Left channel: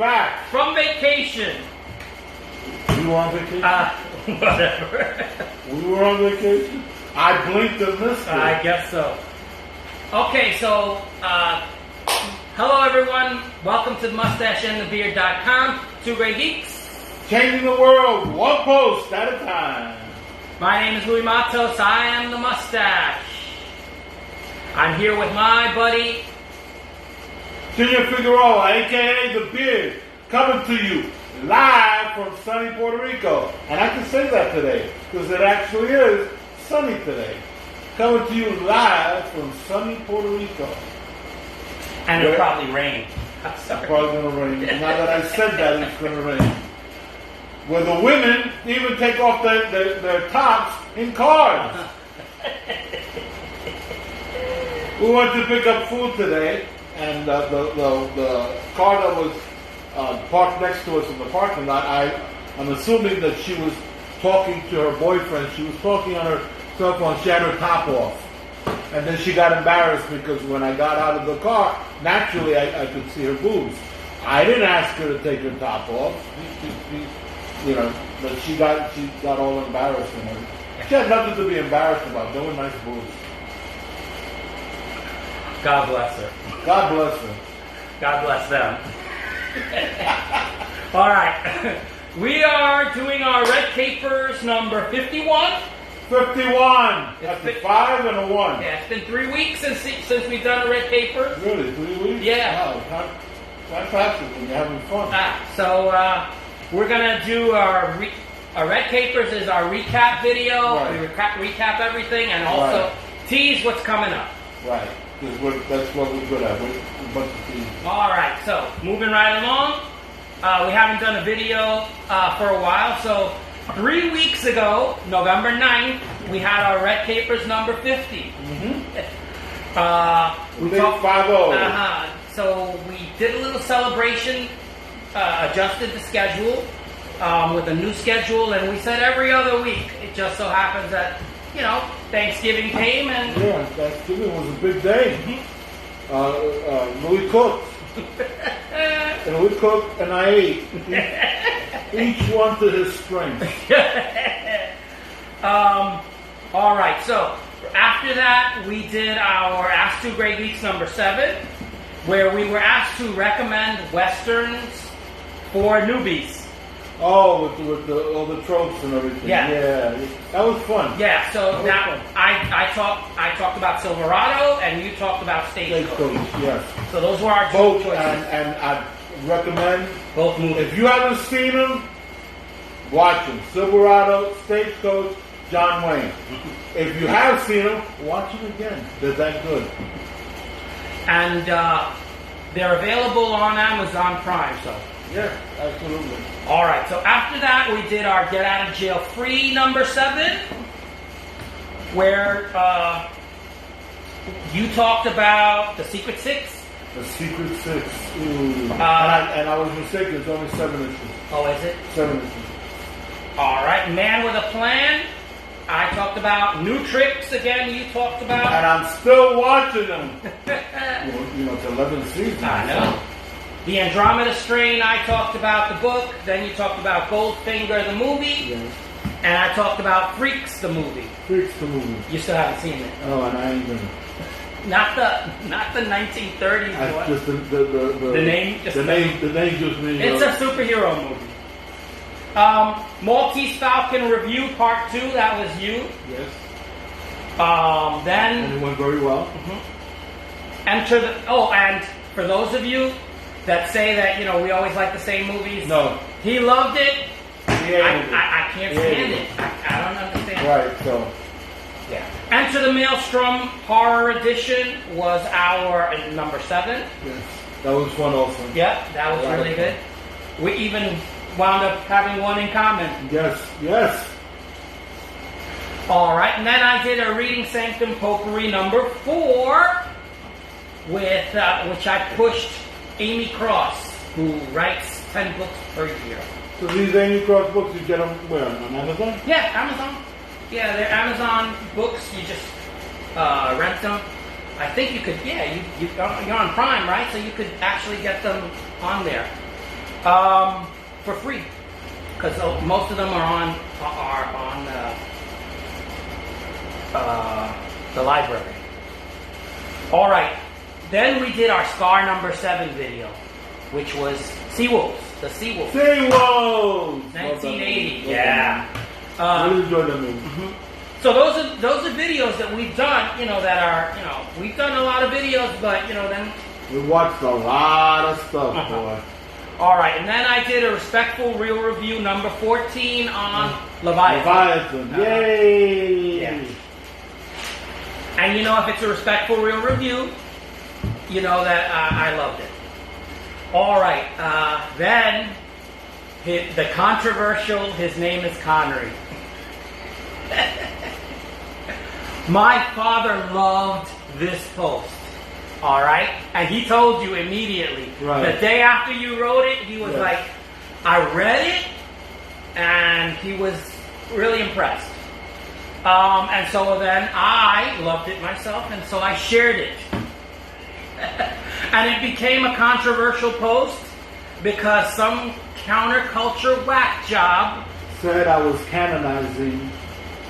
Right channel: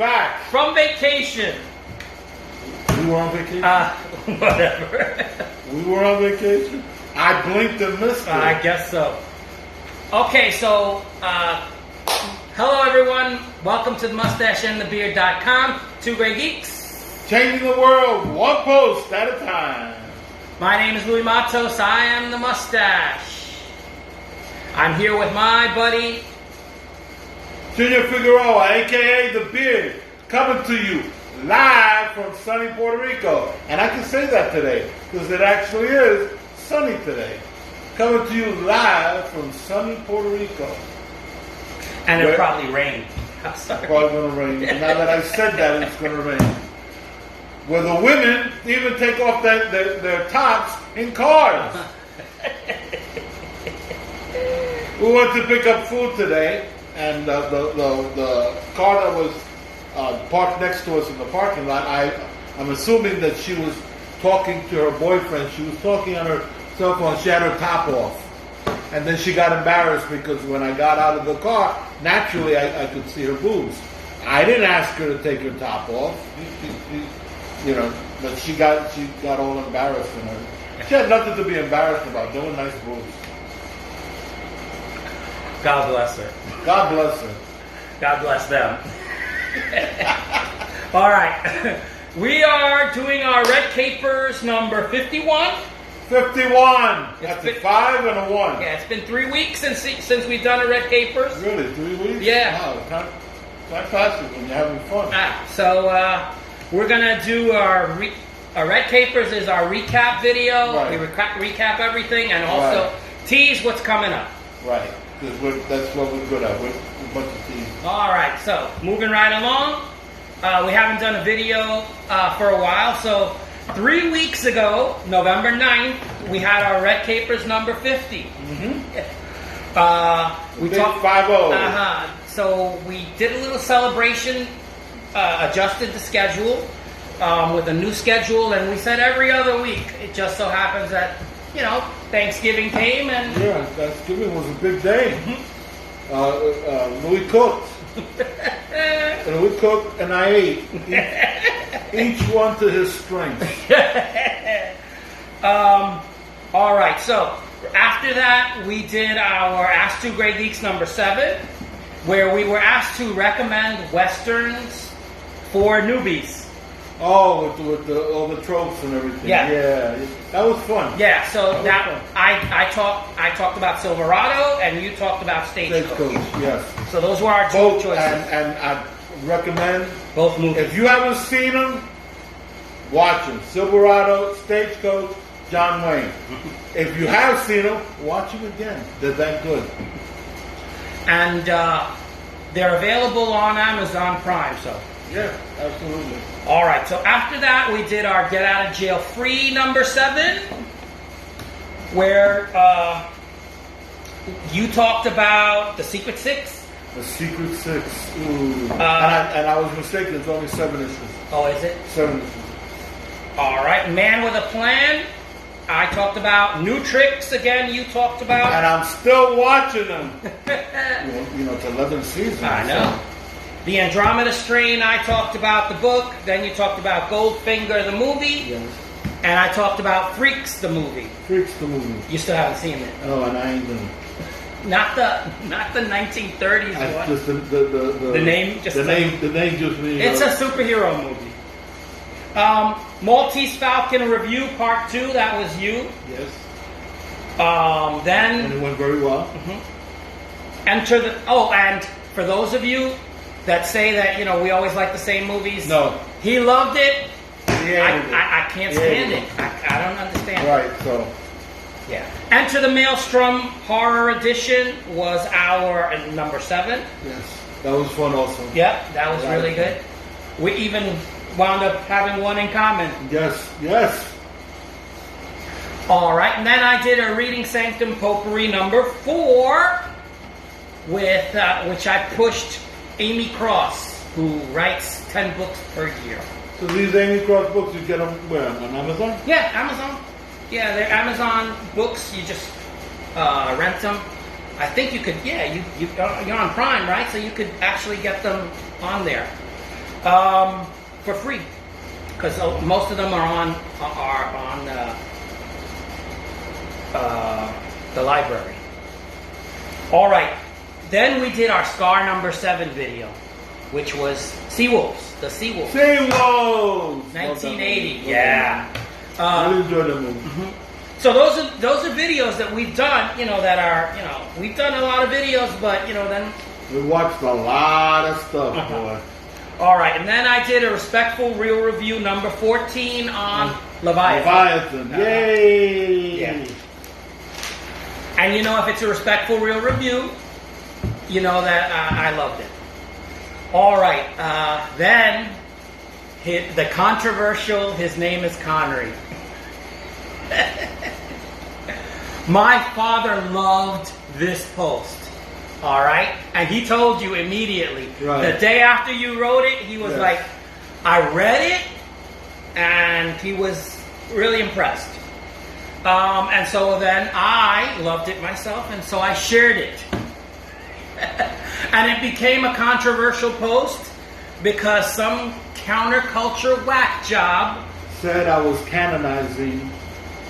back. From vacation. We were on vacation? Whatever. We were on vacation? I blinked and missed it. I guess so. Okay, so, hello everyone. Welcome to MustacheAndTheBeard.com. Two great geeks. Changing the world, one post at a time. My name is Louis Matos. I am the Mustache. I'm here with my buddy, Junior Figueroa, a.k.a. The Beard, coming to you live from sunny Puerto Rico. And I can say that today, because it actually is sunny today. Coming to you live from sunny Puerto Rico. and it probably rained. I'm sorry. It's probably going to rain. Now that I said that, it's going to rain. Where the women even take off their tops in cars. We went to pick up food today, and the car that was parked next to us in the parking lot, I'm assuming that she was talking to her boyfriend. She was talking on her cell phone. She had her top off. And then she got embarrassed because when I got out of the car, naturally I could see her boobs. I didn't ask her to take her top off. But she got all embarrassed in her. She had nothing to be embarrassed about. They were nice boobs. God bless her. God bless her. God bless them. All right. We are doing our Red Capers number 51. 51. That's a 5 and a 1. Yeah, it's been 3 weeks since we've done a Red Capers. Really? 3 weeks? Yeah. Wow. Time passes when you're having fun. So we're going to do our Red Capers is our recap video. Right. We recap everything and also tease what's coming up. Right. Because that's what we're good at. We're a bunch of teams. All right. So moving right along. We haven't done a video for a while. So 3 weeks ago, November 9th, we had our Red Capers number 50. Mm-hmm. We Big talked 5-0. So we did a little celebration, adjusted the schedule with a new schedule, and we said every other week. It just so happens that, Thanksgiving came and... Yeah, Thanksgiving was a big day. Louis cooked. And we cooked and I ate. Each one to his strength. All right, so after that, we did our Ask Two Great Geeks number 7, where we were asked to recommend Westerns for newbies. Oh, with all the tropes and everything. Yeah. That was fun. Yeah, so now I talked about Silverado and you talked about Stagecoach. Yes. So those were our two both choices. And I recommend both movies. If you haven't seen them, watch them. Silverado, Stagecoach, John Wayne. If you have seen them, watch them again. They're that good. And they're available on Amazon Prime, so. Yeah, absolutely. All right, so after that, we did our Get Out of Jail Free number 7, where you talked about The Secret Six. The Secret Six. Ooh. And I was mistaken. It's only 7 issues. Oh, is it? 7 issues. All right, Man with a Plan. I talked about New Tricks again. You talked about. And I'm still watching them. It's 11 seasons. I know. The Andromeda Strain, I talked about the book. Then you talked about Goldfinger, the movie. Yes. And I talked about Freaks, the movie. Freaks, the movie. You still haven't seen it. Oh, and I ain't gonna. Not the 1930s one. Just the name. Just the name just means. It's a superhero movie. Maltese Falcon Review Part 2. That was you. Yes. Then. And it went very well. Mm-hmm. And for those of you that say that we always like the same movies. No. He loved it. He hated it. I can't stand it. I don't understand. Right. So. Yeah. Enter the Maelstrom Horror Edition was our number 7. Yes. That was fun also. Yeah, that was really good. We even wound up having one in common. Yes. Yes. All right, and then I did a Reading Sanctum Potpourri number 4 with which I pushed Amy Cross, who writes 10 books per year. So these Amy Cross books, you get them where? On Amazon? Yeah, Amazon. Yeah, they're Amazon books. You just rent them. I think you could. Yeah, you're on Prime, right? So you could actually get them on there. For free, because most of them are on the library. All right. Then we did our Scar number 7 video, which was Seawolves, the Seawolves. Seawolves! 1980, yeah. I really enjoyed that movie. Mm-hmm. So those are videos that we've done, that are, we've done a lot of videos, but, then... We watched a lot of stuff, boy. All right, and then I did a Respectful Real Review number 14 on Leviathan. Yay! Yeah. And if it's a Respectful Real Review, you know that I loved it. All right, then the controversial, his name is Connery. My father loved this post. All right, and he told you immediately. Right. The day after you wrote it, he was like, I read it, and he was really impressed. And so then I loved it myself, and so I shared it. And it became a controversial post because some counterculture whack job said I was canonizing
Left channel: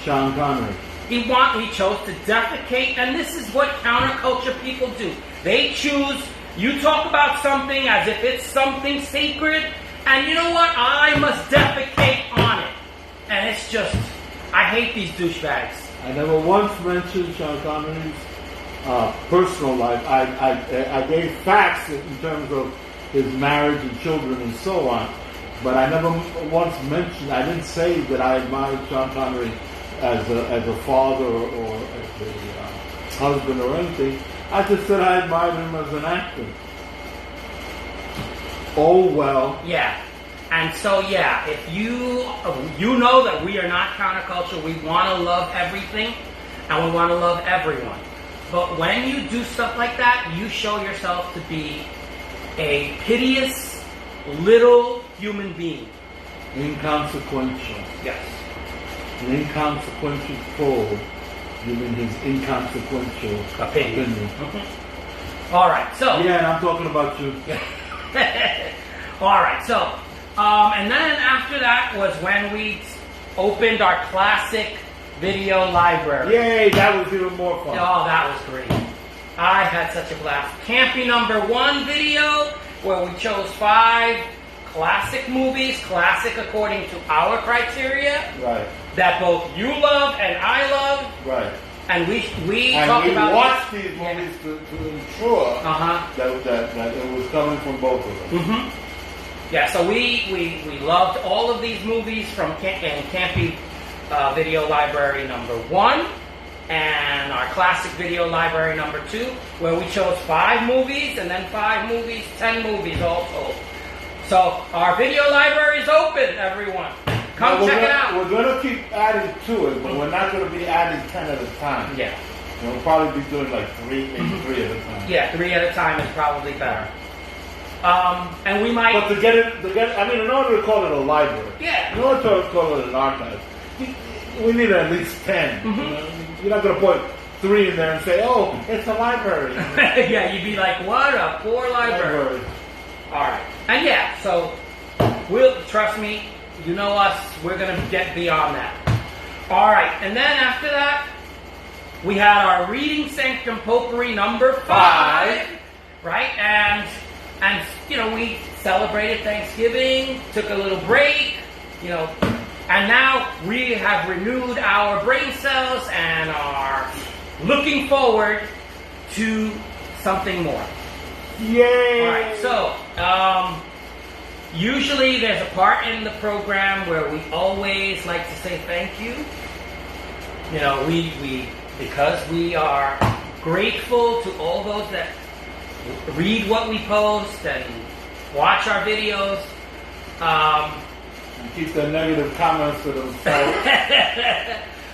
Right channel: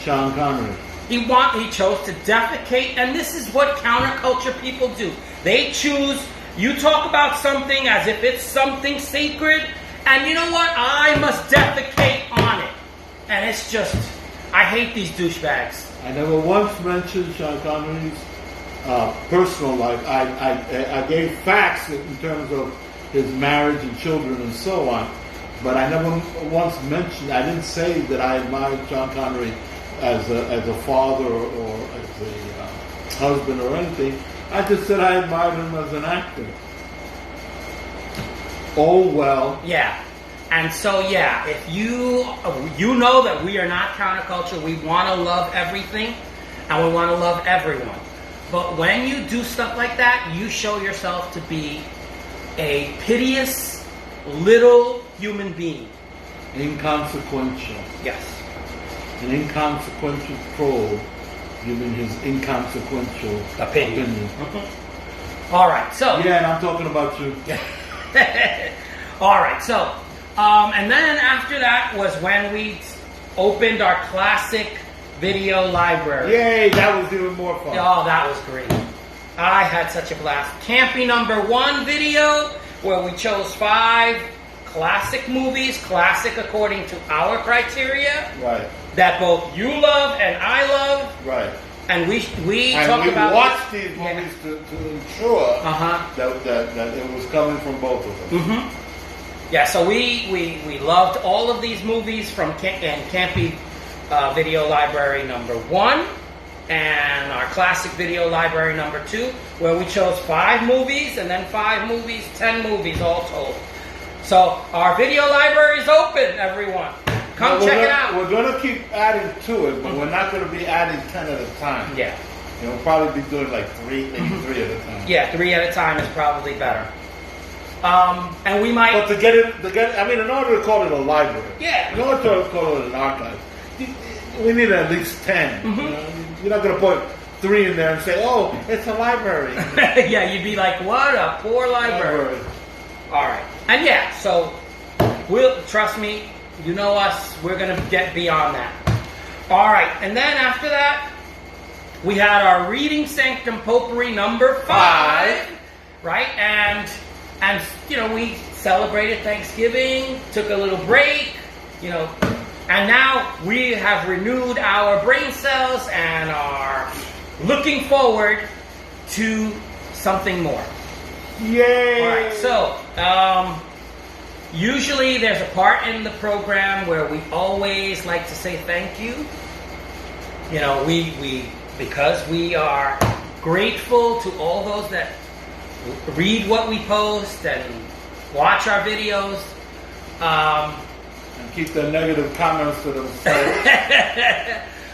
Sean Connery. He chose to defecate, and this is what counterculture people do. They choose, you talk about something as if it's something sacred, and you know what? I must defecate on it. And it's just, I hate these douchebags. I never once mentioned Sean Connery's personal life. I gave facts in terms of his marriage and children and so on, but I never once mentioned, I didn't say that I admired Sean Connery as a father or as a husband or anything. I just said I admired him as an actor. Oh well. Yeah. And so if you know that we are not counterculture, we want to love everything and we want to love everyone. But when you do stuff like that, you show yourself to be a piteous little human being. Inconsequential. Yes. An inconsequential troll giving his inconsequential opinion. Mm-hmm. All right, so... Yeah, and I'm talking about you. All right, so... and then after that was when we opened our classic video library. Yay, that was even more fun. Oh, that was great. I had such a blast. Campy number 1 video, where we chose 5 classic movies, classic according to our criteria. Right. That both you love and I love. Right. And we watched these movies to ensure that it was coming from both of us. Mm-hmm. Yeah, so we loved all of these movies from Campy Video Library number 1 and our classic video library number 2, where we chose 5 movies and then 5 movies, 10 movies all told. So our video library is open, everyone. Come check it out. We're going to keep adding to it, but we're not going to be adding 10 at a time. Yeah. We'll probably be doing like 3, maybe 3 at a time. Yeah, 3 at a time is probably better. And we might... But in order to call it a library, in order to call it an archive, we need at least 10. Mm-hmm. You're not going to put 3 in there and say, oh, it's a library. Yeah, you'd be like, what a poor library. All right. And so trust me, you know us, we're going to get beyond that. All right. And then after that, we had our Reading Sanctum Potpourri number 5. Right? And we celebrated Thanksgiving, took a little break, and now we have renewed our brain cells and are looking forward to something more. Yay! All right, so usually there's a part in the program where we always like to say thank you. Because we are grateful to all those that read what we post and watch our videos. And keep the negative comments to themselves.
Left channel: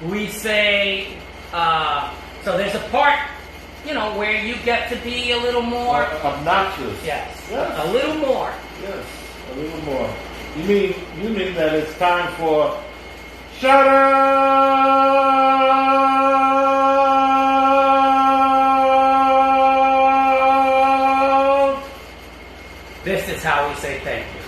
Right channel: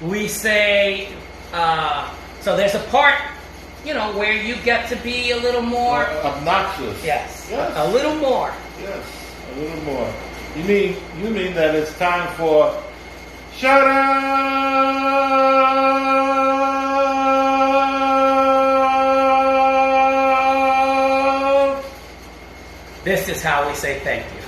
We say, so there's a part, where you get to be a little more... obnoxious. Yes. Yes. A little more. Yes, a little more. You mean that it's time for... Shut up! This is how we say thank you.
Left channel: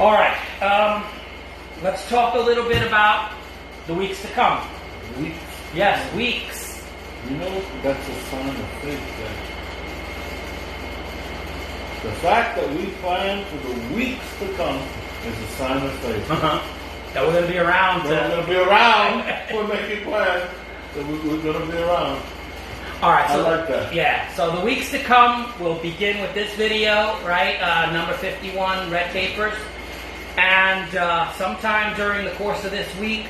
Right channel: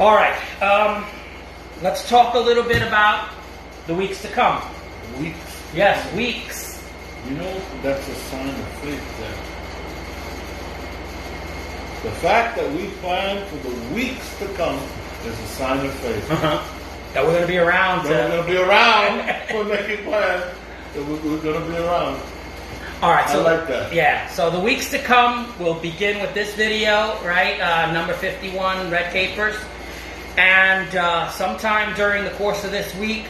All right. Let's talk a little bit about the weeks to come. Weeks. Yes, weeks. You know, that's a sign of faith then. The fact that we plan for the weeks to come is a sign of faith. That we're going to be around. We're going to be around. We're making plans. That we're going to be around. All right. So, I like that. Yeah. So the weeks to come, we'll begin with this video, right? Number 51, red papers. And sometime during the course of this week,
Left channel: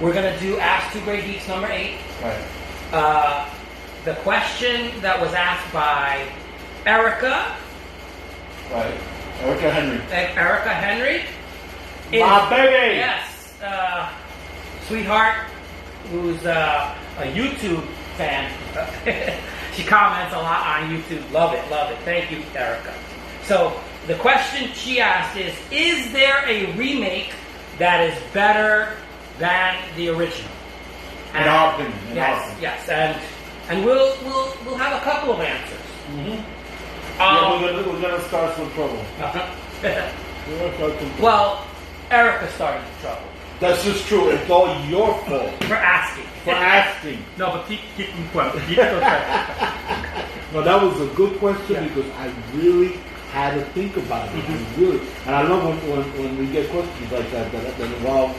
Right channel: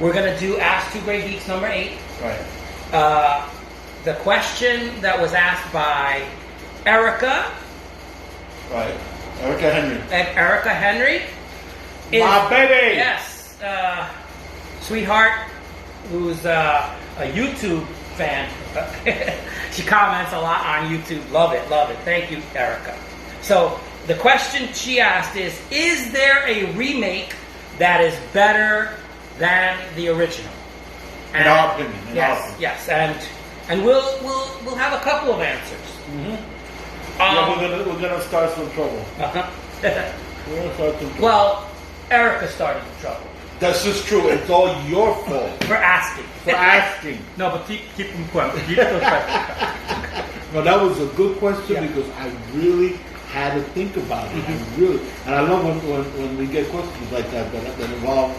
we're going to do Ask Two Great Geeks number 8. Right. The question that was asked by Erica. Right. Erica Henry. Erica Henry. My baby! Yes. Sweetheart, who's a YouTube fan. She comments a lot on YouTube. Love it, love it. Thank you, Erica. So, the question she asked is there a remake that is better than the original? In our opinion. Yes. And we'll have a couple of answers. Mm-hmm. We're gonna start some trouble. Uh-huh. We're gonna start some trouble. Well, Erica started the trouble. That's just true. It's all your fault. For asking. For asking. No, but keep them quiet. Keep them quiet. Well, that was a good question Yeah. because I really had to think about it. And I love when we get questions like that involve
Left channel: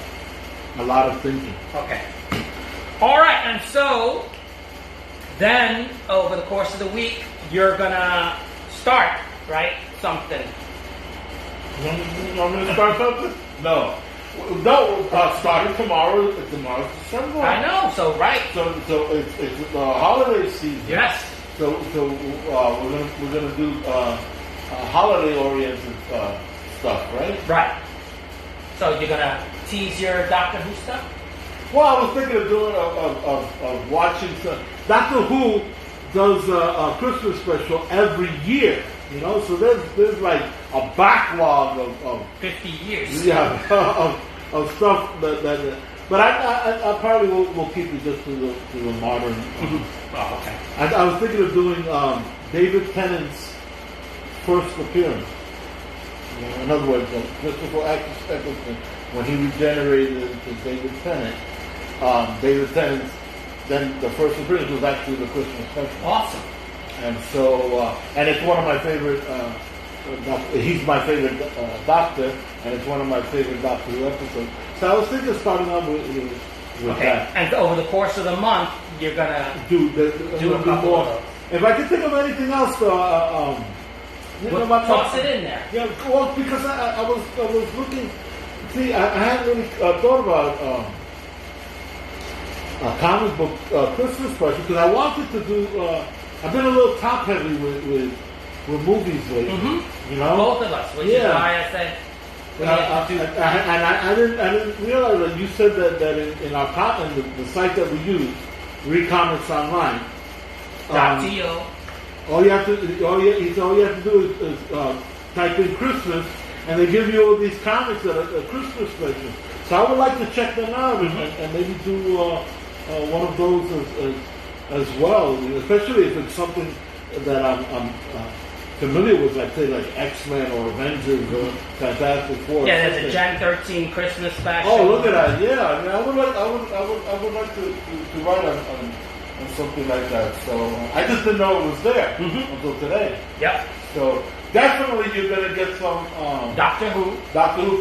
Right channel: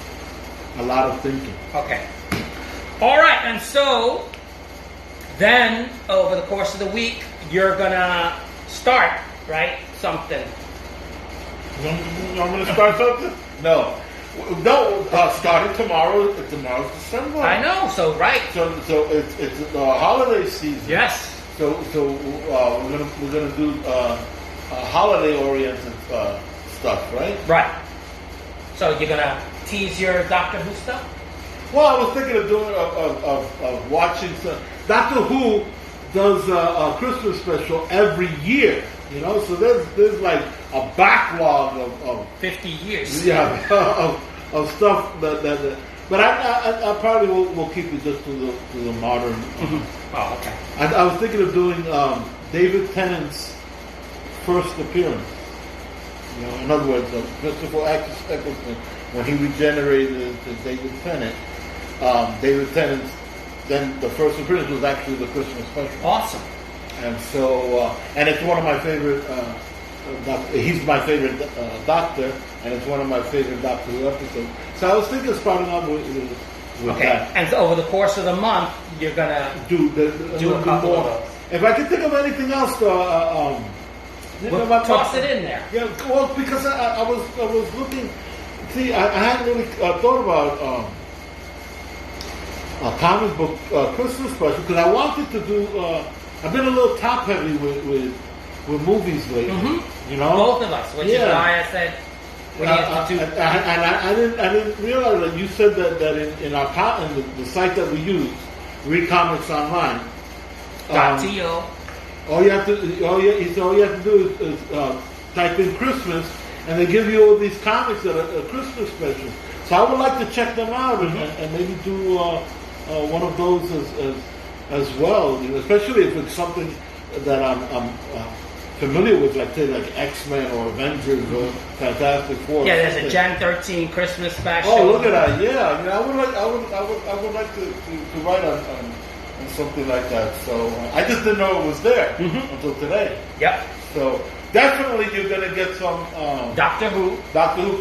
a lot of thinking. Okay. All right, and so then over the course of the week, you're gonna start, right? Something. I'm going to start something? No. Starting tomorrow. Tomorrow's December. I know. So right. So it's the holiday season. Yes. So we're gonna do holiday oriented stuff, right? Right. So you're gonna tease your Doctor Who stuff? Well, I was thinking of doing of watching some. Doctor Who does a Christmas special every year. You know, so there's like a backlog of 50 years. Yeah, of stuff that. But I probably will keep it just to the modern. Oh, okay. I was thinking of doing David Tennant's first appearance. You know, in other words, Christopher Eccleston, when he regenerated to David Tennant, David Tennant's then the first appearance was actually the Christmas special. Awesome. And so, and it's one of my favorite. He's my favorite doctor, and it's one of my favorite Doctor Who episodes. So I was thinking of starting out with Okay. that. And so over the course of the month, you're gonna Do a couple more. of those. If I can think of anything else, Toss it in there. Yeah, well, because I was looking. See, I hadn't really thought about a comic book Christmas special because I wanted to do. I've been a little top heavy with movies lately. You know, Both of us, which is why I said we have to do. And I didn't realize that you said that in our the site that we use, Read Comics Online. .to. All you have to do is type in Christmas, and they give you all these comics that are Christmas specials. So I would like to check them out and maybe do one of those as well, you know, especially if it's something that I'm familiar with, like say like X-Men or Avengers or Fantastic Four. Yeah, there's a Gen 13 Christmas special. Oh, look at that! Yeah, I mean, I would like to write on something like that. So I just didn't know it was there until today. Yep. So definitely you're gonna get some Doctor Who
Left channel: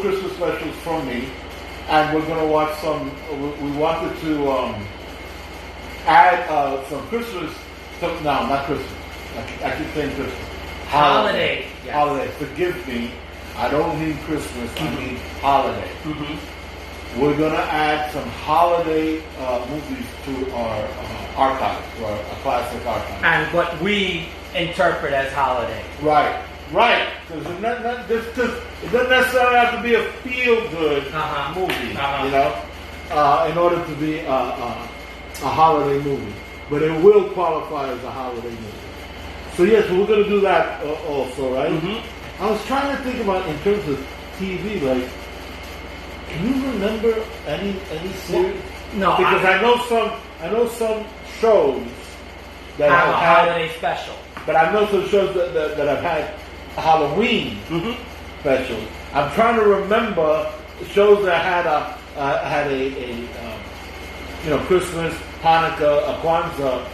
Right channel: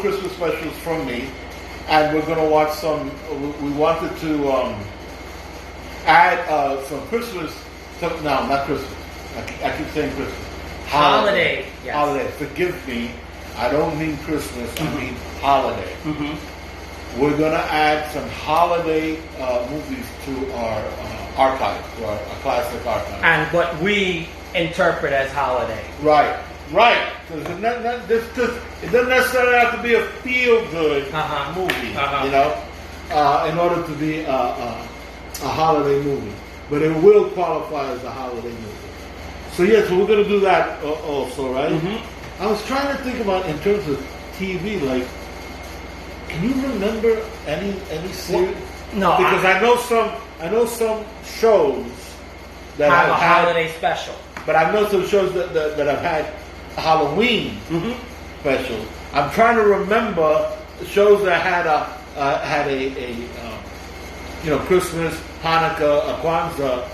Christmas specials from me, and we're gonna watch some. We wanted to add some Christmas. No, not Christmas. I keep saying Christmas. Holiday. Yes. Holiday. Forgive me. I don't mean Christmas. I mean holiday. We're gonna add some holiday movies to our archives, to our classic archive. And what we interpret as holiday. Right. Because it doesn't necessarily have to be a feel-good movie, you know, in order to be a holiday movie. But it will qualify as a holiday movie. So yes, we're going to do that also, right? I was trying to think about in terms of TV, like, can you remember any series? No, because I know some shows that have have a holiday special. but I know some shows that have had Halloween specials. I'm trying to remember shows that had Christmas, Hanukkah, Kwanzaa,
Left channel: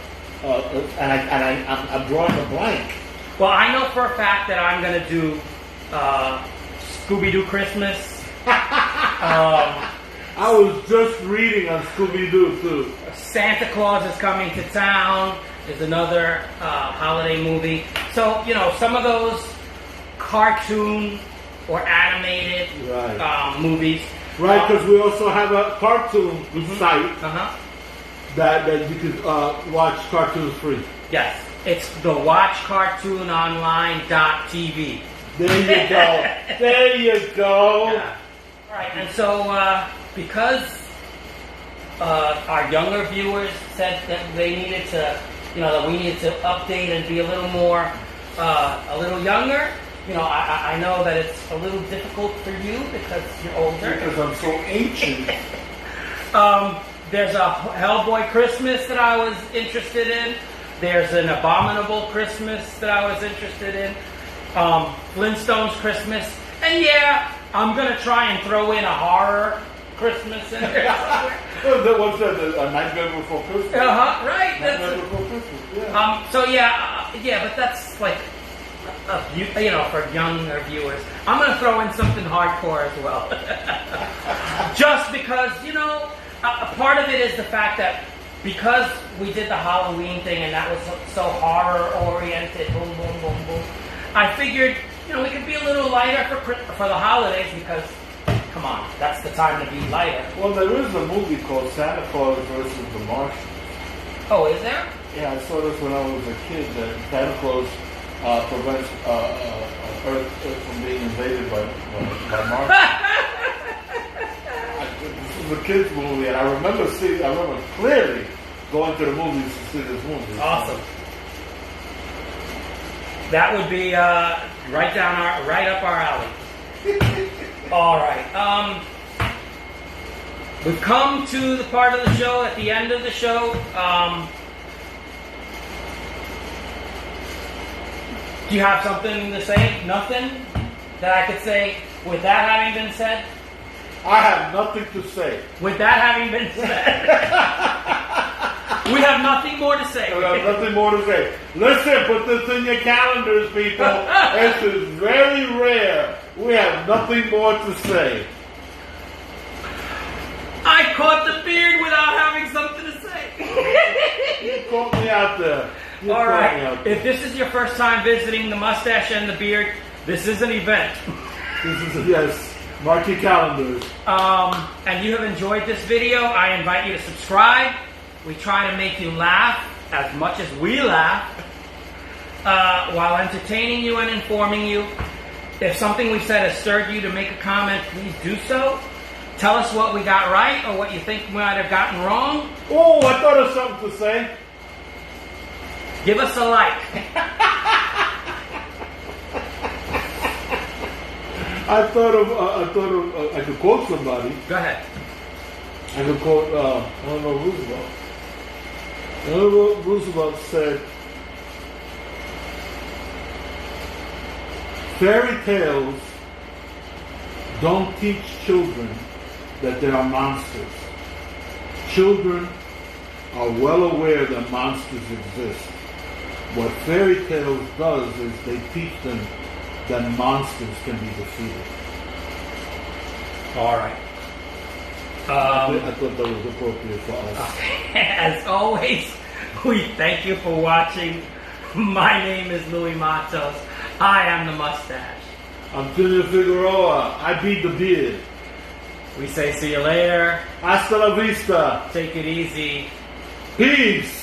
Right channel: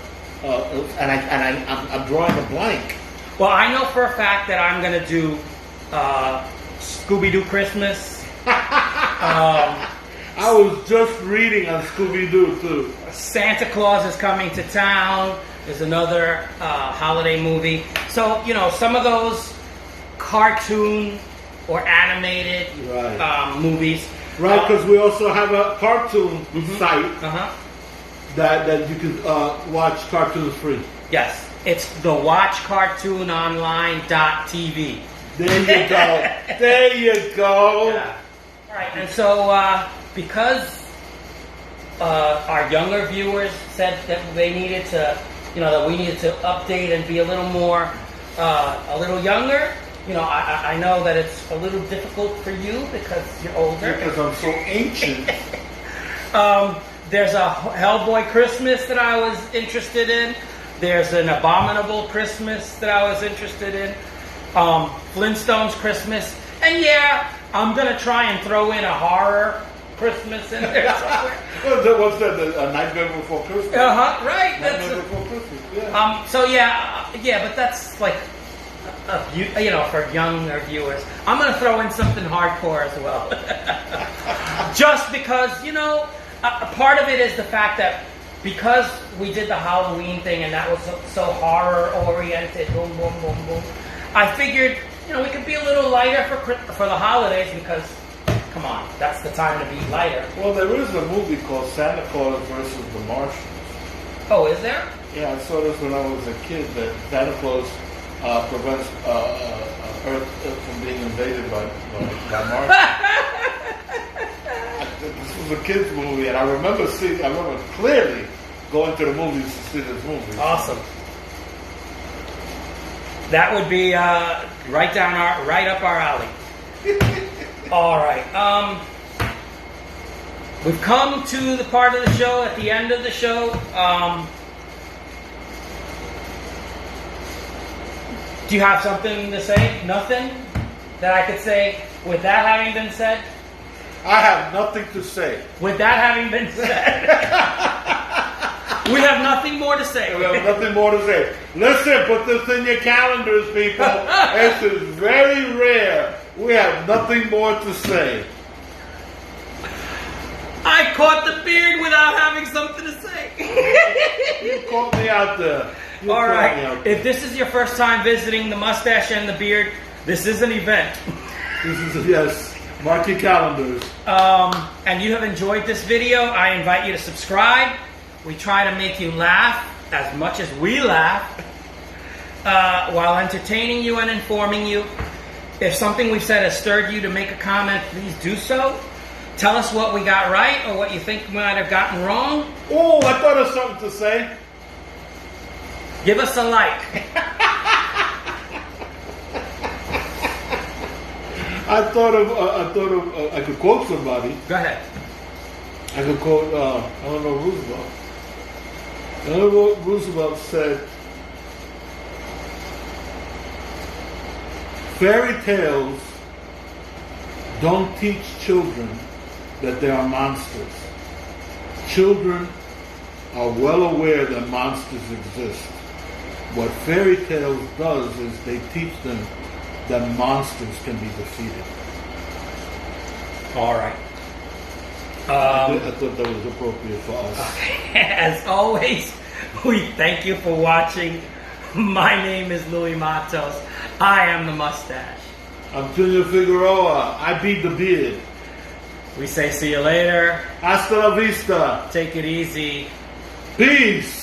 I'm drawing a blank. Well, I know for a fact that I'm going to do Scooby-Doo Christmas. I was just reading on Scooby-Doo, too. Santa Claus is Coming to Town is another holiday movie. So, some of those cartoon or animated movies. Right, because we also have a cartoon site that you can watch cartoons free. Yes, it's the watchcartoononline.tv. There you go. There you go. Yeah. All right, and so because our younger viewers said that they needed to, that we needed to update and be a little more, a little younger. I know that it's a little difficult for you because you're older. Because I'm so ancient. There's a Hellboy Christmas that I was interested in. There's an Abominable Christmas that I was interested in. Flintstones Christmas. And yeah, I'm going to try and throw in a horror Christmas in there somewhere. What's that? A Nightmare Before Christmas? Right. Nightmare Before Christmas, yeah. So yeah, but that's like for younger viewers. I'm going to throw in something hardcore as well. Just because, a part of it is the fact that because we did the Halloween thing and that was so horror-oriented, boom, boom, boom, boom, I figured, we could be a little lighter for the holidays because, come on, that's the time to be lighter. Well, there is a movie called Santa Claus versus the Martians. Oh, is there? Yeah, I saw this when I was a kid, that Santa Claus prevents Earth from being invaded by Martians. This was a kid's movie, and I remember clearly going to the movies to see this movie. Awesome. That would be right up our alley. All right. We've come to the part of the show, at the end of the show. Do you have something to say? Nothing that I could say with that having been said? I have nothing to say. With that having been said, we have nothing more to say. We have nothing more to say. Listen, put this in your calendars, people. This is very rare. We have nothing more to say. I caught the beard without having something to say. You caught me out there. All right. If this is your first time visiting the Mustache and the Beard, this is an event. Yes. Mark your calendars. And you have enjoyed this video, I invite you to subscribe. We try to make you laugh as much as we laugh while entertaining you and informing you. If something we've said has stirred you to make a comment, please do so. Tell us what we got right or what you think we might have gotten wrong. Oh, I thought of something to say. Give us a like. I thought of I could quote somebody. Go ahead. I could quote Eleanor Roosevelt. Eleanor Roosevelt said, "Fairy tales don't teach children that they are monsters. Children are well aware that monsters exist. What fairy tales does is they teach them that monsters can be defeated." All right. I thought that was appropriate for us. As always, we thank you for watching. My name is Louis Matos. I am the Mustache. I'm Junior Figueroa. I beat the beard. We say see you later. Hasta la vista. Take it easy. Peace.